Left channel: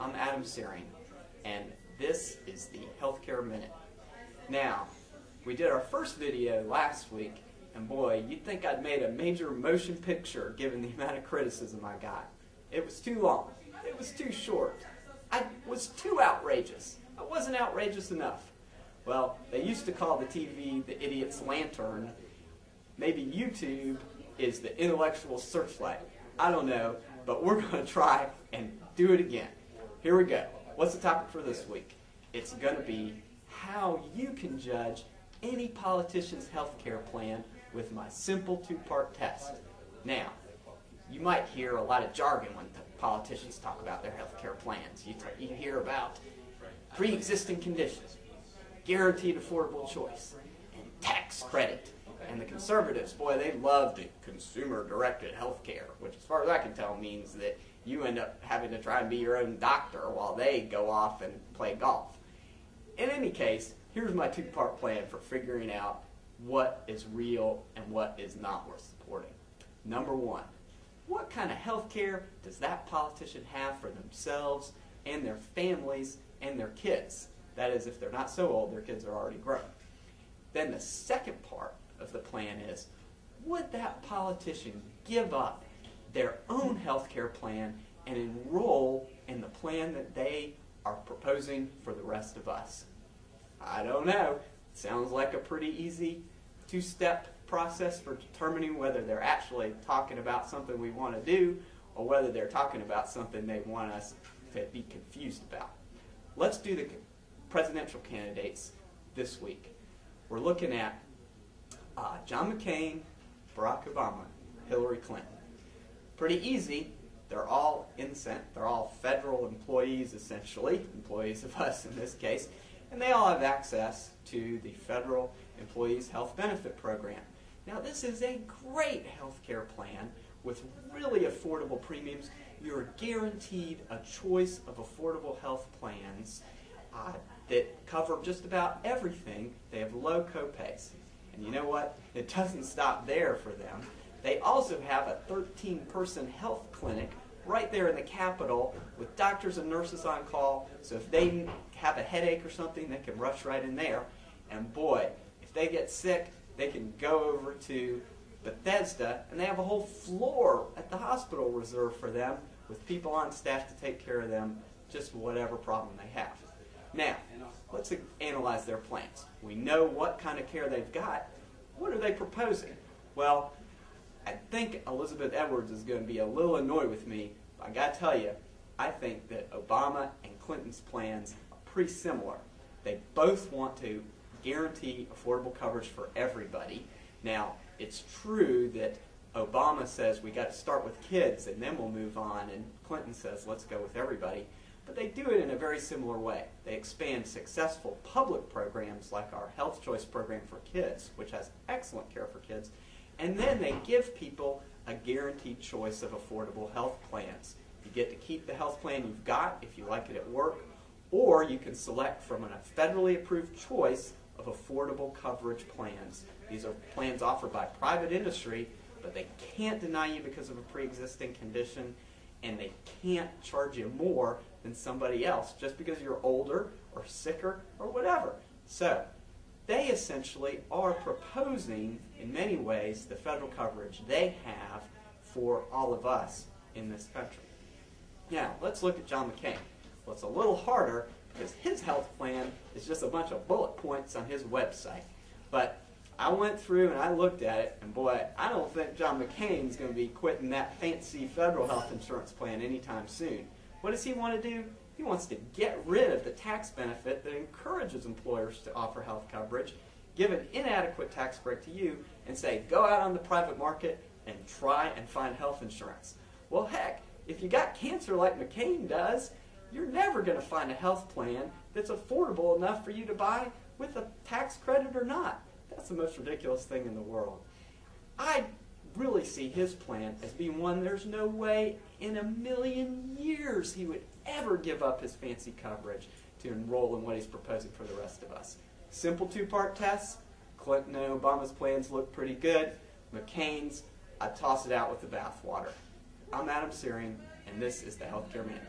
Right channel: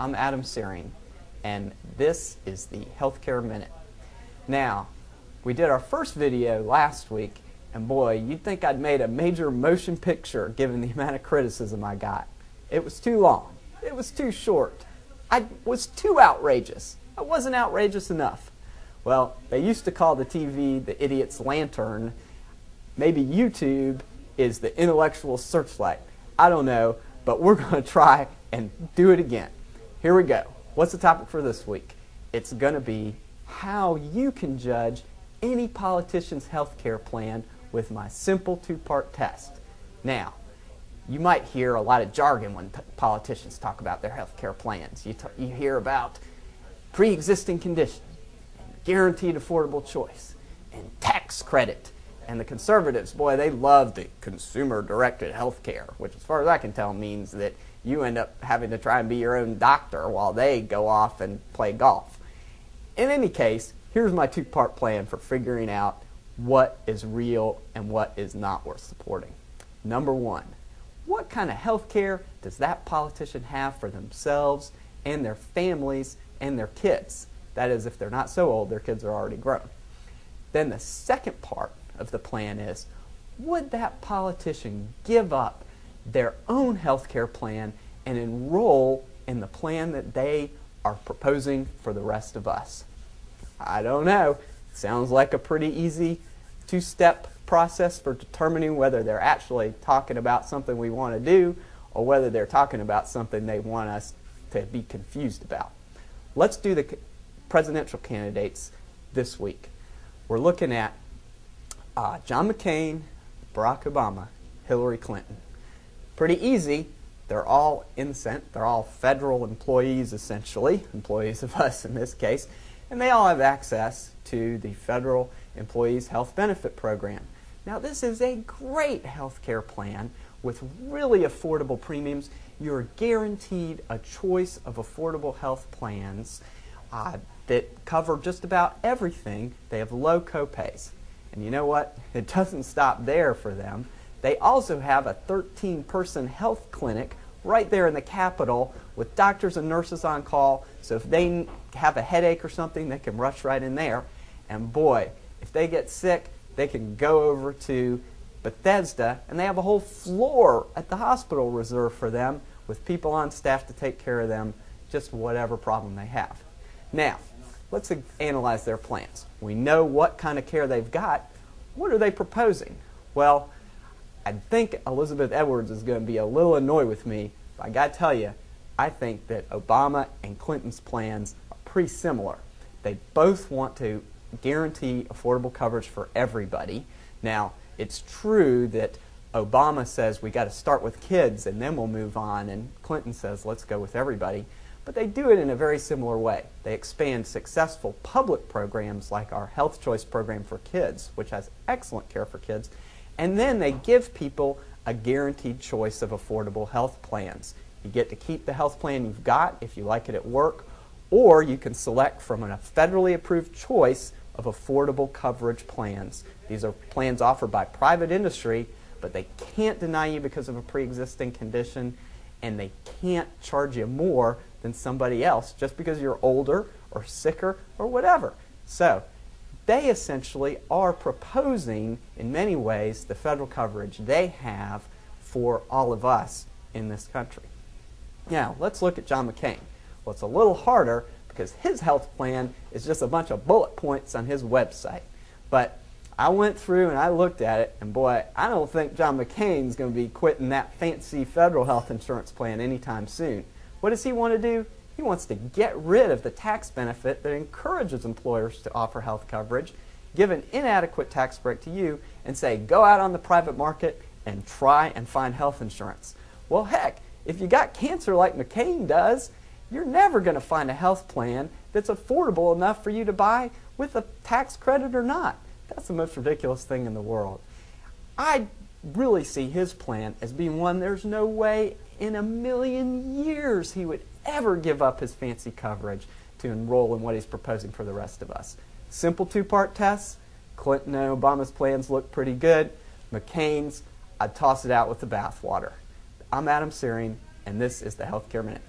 I'm Adam Searing, and this is the Healthcare Minute. Now, we did our first video last week, and boy, you'd think I'd made a major motion picture given the amount of criticism I got. It was too long. It was too short. I was too outrageous. I wasn't outrageous enough. Well, they used to call the TV the idiot's lantern. Maybe YouTube is the intellectual searchlight. I don't know, but we're going to try and do it again. Here we go. What's the topic for this week? It's going to be how you can judge any politician's health care plan with my simple two-part test. Now, you might hear a lot of jargon when politicians talk about their health care plans. You hear about pre-existing conditions, guaranteed affordable choice, and tax credit. And the conservatives, boy, they love the consumer-directed health care, which as far as I can tell means that you end up having to try and be your own doctor while they go off and play golf. In any case, here's my two-part plan for figuring out what is real and what is not worth supporting. Number one, what kind of health care does that politician have for themselves and their families and their kids? That is, if they're not so old, their kids are already grown. Then the second part of the plan is, would that politician give up their own health care plan and enroll in the plan that they are proposing for the rest of us? I don't know. Sounds like a pretty easy two-step process for determining whether they're actually talking about something we want to do or whether they're talking about something they want us to be confused about. Let's do the presidential candidates this week. We're looking at John McCain, Barack Obama, Hillary Clinton. Pretty easy. They're all innocent. They're all federal employees, essentially, employees of us in this case, and they all have access to the Federal Employees Health Benefit Program. Now, this is a great health care plan with really affordable premiums. You're guaranteed a choice of affordable health plans that cover just about everything. They have low copays. And you know what? It doesn't stop there for them. They also have a 13-person health clinic right there in the Capitol with doctors and nurses on call, so if they have a headache or something, they can rush right in there. And boy, if they get sick, they can go over to Bethesda, and they have a whole floor at the hospital reserved for them with people on staff to take care of them, just whatever problem they have. Now, let's analyze their plans. We know what kind of care they've got. What are they proposing? Well, I think Elizabeth Edwards is going to be a little annoyed with me, but I got to tell you, I think that Obama and Clinton's plans are pretty similar. They both want to guarantee affordable coverage for everybody. Now, it's true that Obama says we got to start with kids and then we'll move on, and Clinton says let's go with everybody. But they do it in a very similar way. They expand successful public programs like our Health Choice program for kids, which has excellent care for kids, and then they give people a guaranteed choice of affordable health plans. You get to keep the health plan you've got if you like it at work, or you can select from a federally approved choice of affordable coverage plans. These are plans offered by private industry, but they can't deny you because of a pre-existing condition, and they can't charge you more than somebody else just because you're older or sicker or whatever. So they essentially are proposing, in many ways, the federal coverage they have for all of us in this country. Now, let's look at John McCain. Well, it's a little harder because his health plan is just a bunch of bullet points on his website. But I went through and I looked at it, and boy, I don't think John McCain's going to be quitting that fancy federal health insurance plan anytime soon. What does he want to do? He wants to get rid of the tax benefit that encourages employers to offer health coverage, give an inadequate tax break to you, and say, go out on the private market and try and find health insurance. Well, heck, if you got cancer like McCain does, you're never going to find a health plan that's affordable enough for you to buy with a tax credit or not. That's the most ridiculous thing in the world. I really see his plan as being one there's no way in a million years he would ever give up his fancy coverage to enroll in what he's proposing for the rest of us. Simple two-part tests. Clinton and Obama's plans look pretty good. McCain's, I'd toss it out with the bathwater. I'm Adam Searing, and this is the Healthcare Minute.